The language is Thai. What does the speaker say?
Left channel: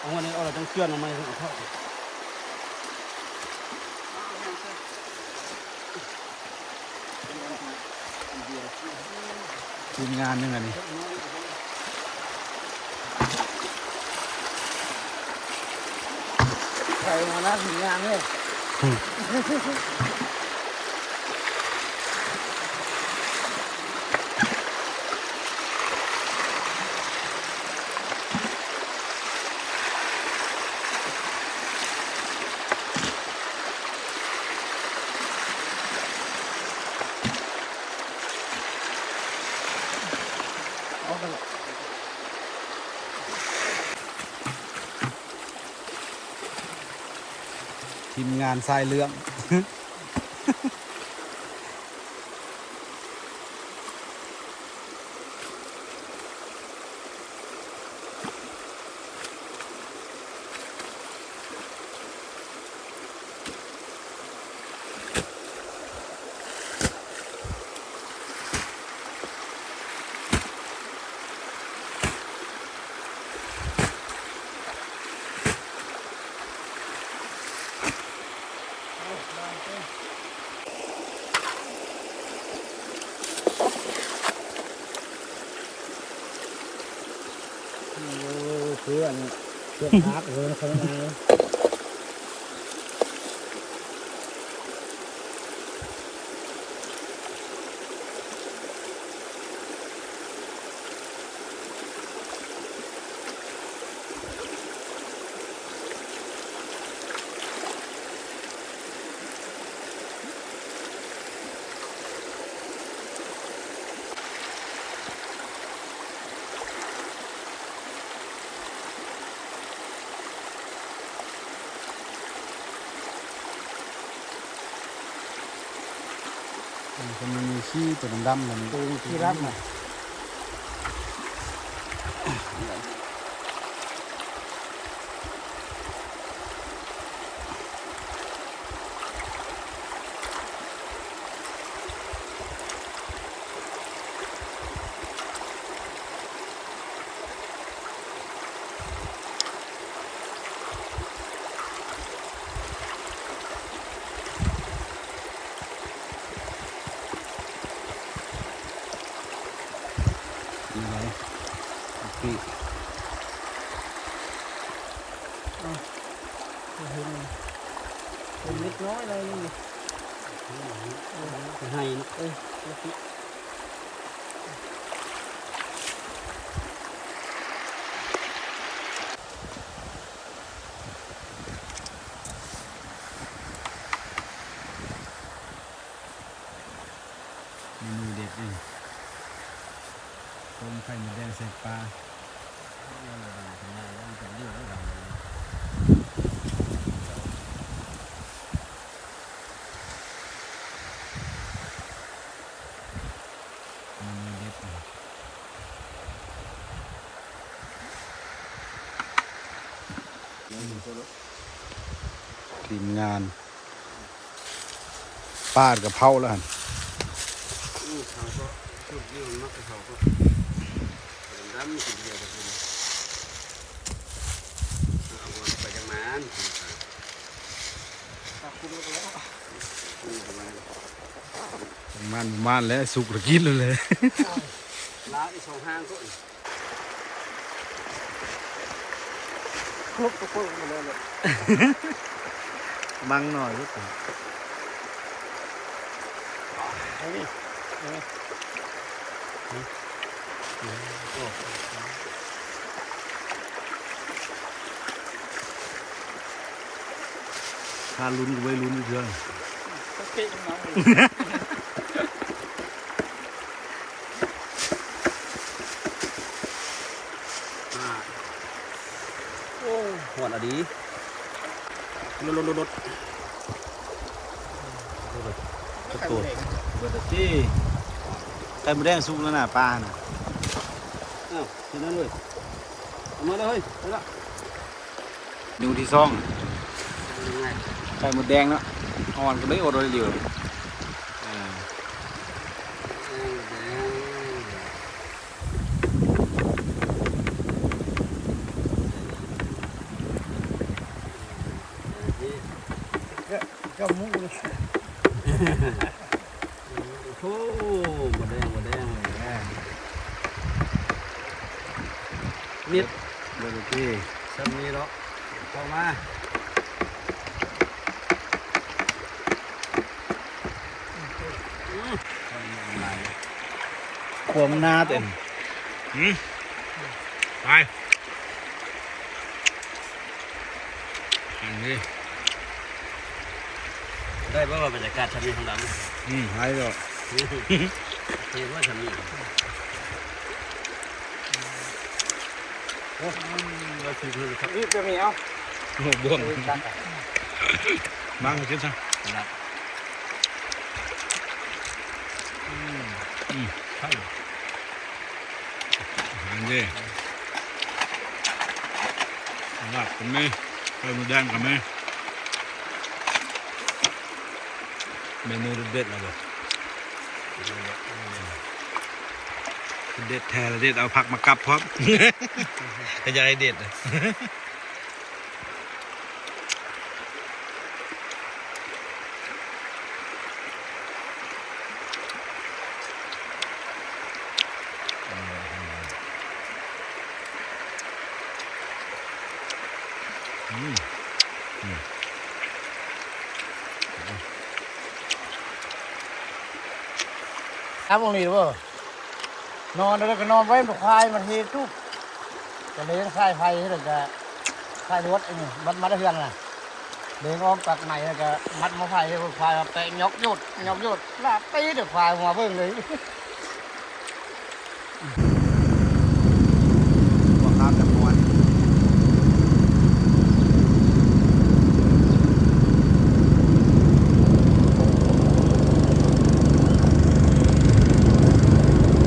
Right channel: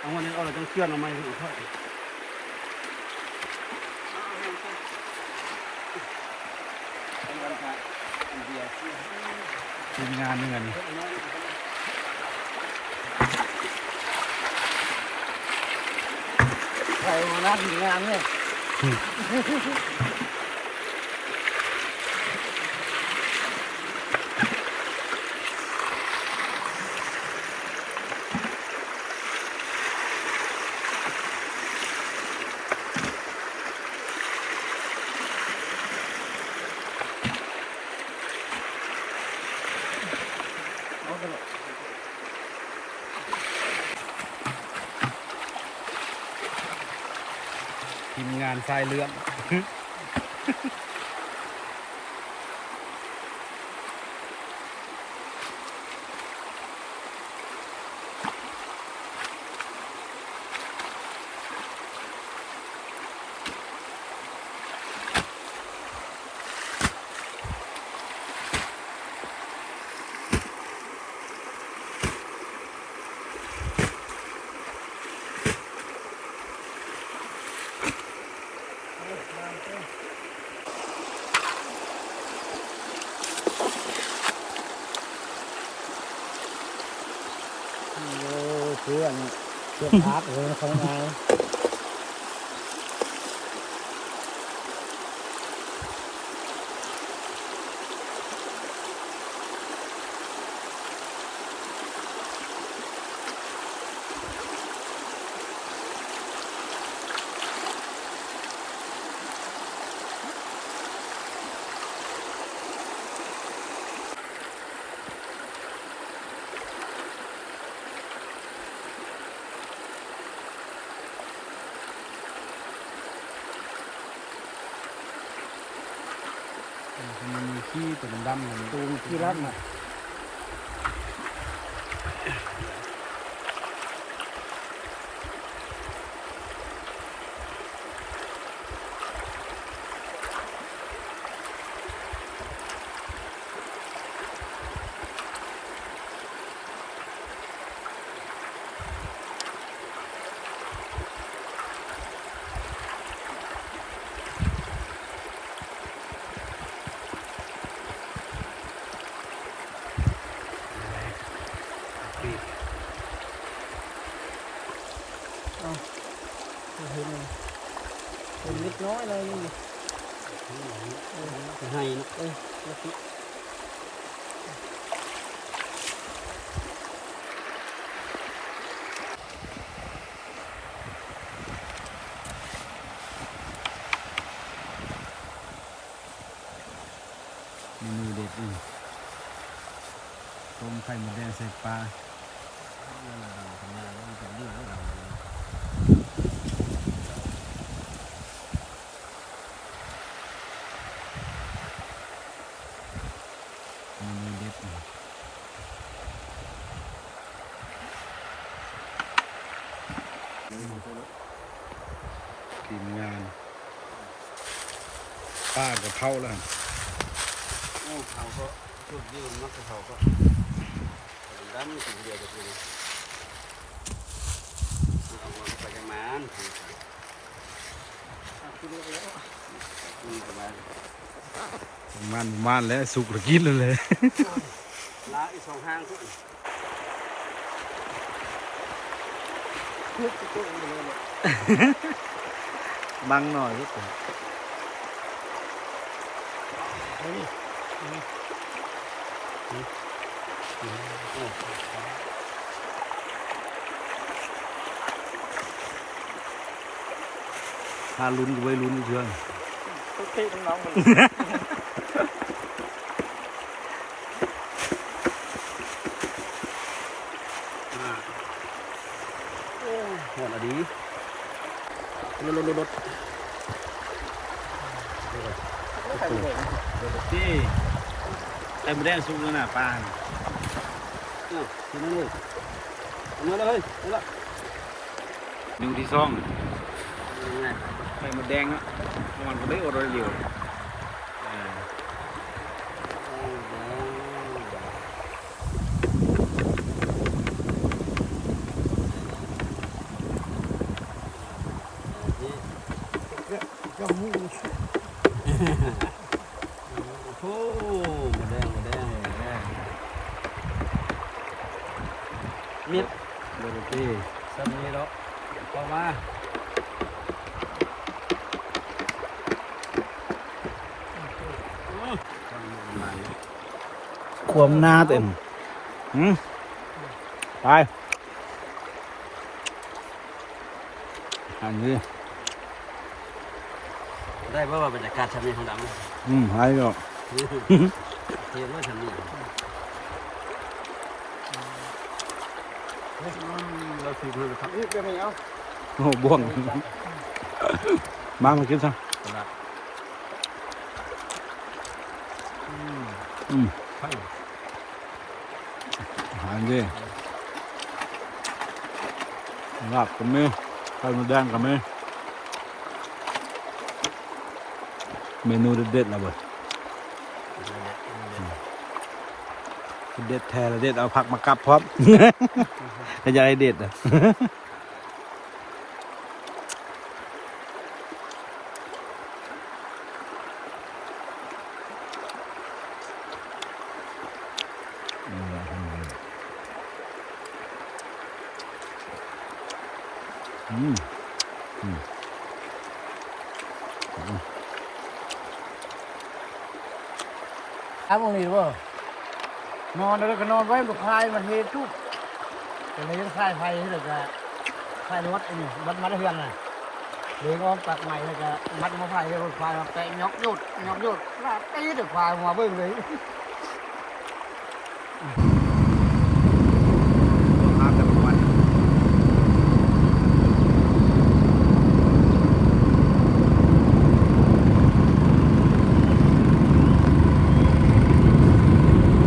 เอาวันนี้เอาอะไรต้องเชื่อนเอาไหมเอาเข้าทีมงานนึงอันนี้ใครมานั่งทีมงานเนี่ยทีมงานทรายเรื่องเพื่อนพักเลยเขาไงมันมีขี้ตัวดำๆมัน ตูที่รับมาเป็นนิดน้อยเลยนี่จะให้เมนูเด็ดนี่ต้มไข่มดแดงใส่ปลาเมนูเด็ดนี่ทีมงานปาดกับเผาแล้วหั่น โอ้ทางก็ชุดยืนมักจะเขาก็ดำกินเดียวจะกินเอาไปจังมันกินประมาณ มันแล้วสุกระกินเลย ล้าอีสองห้างก็ลุกก็พุ่งมาเลย บังหน่อยก็ถึงถ้าลุ้นก็ไว้ลุ้นเพื่อน เตะน้องมันโอ้หัวละดีรถตัวเบอร์ตี้ไข่มดแดงสุกแล้วนะปลาน่ะ อ้าวทีนั้นเลยเอามาเลยไปละ ดูที่ซ่องไข่มดแดงเนาะอ่อนก็ได้อดเลยเดียว ก็มุ้ง โอ้โหหมดแดงเลยนิด เบอร์ที่ สันนี้เนาะเข้ามาความหน้าเต็ม ไปอันนี้ ได้ป่าวบรรยากาศทำนี้ของดำ หายไปหมด เทว่าทำนี้เราถือเลยครับ นี่จะมีเอา โอ้บ่วงมากินซะ ครับใช่ อันนี้ลาบกับแม่ไข่มดแดงกับแม่เมนูเด็ดๆนะบ่เด็ดแท้ละเด็ดเอาผักมากับพร้อมก็จะได้เด็ดอ่ะครับตรงนี้ว่านอนแล้วก็นอนไว้มันคลายมันเฮทุกตอนนี้คลายไฟนี่เลยก็คลายวัดนี่วัดมาได้เพื่อนเลยเดินอ้อมตักไหนแล้วก็มัดมาไฟเลยมันคลายเตะยกยุดลาตีเดี๋ยวคลายหัวเบิ่งเลย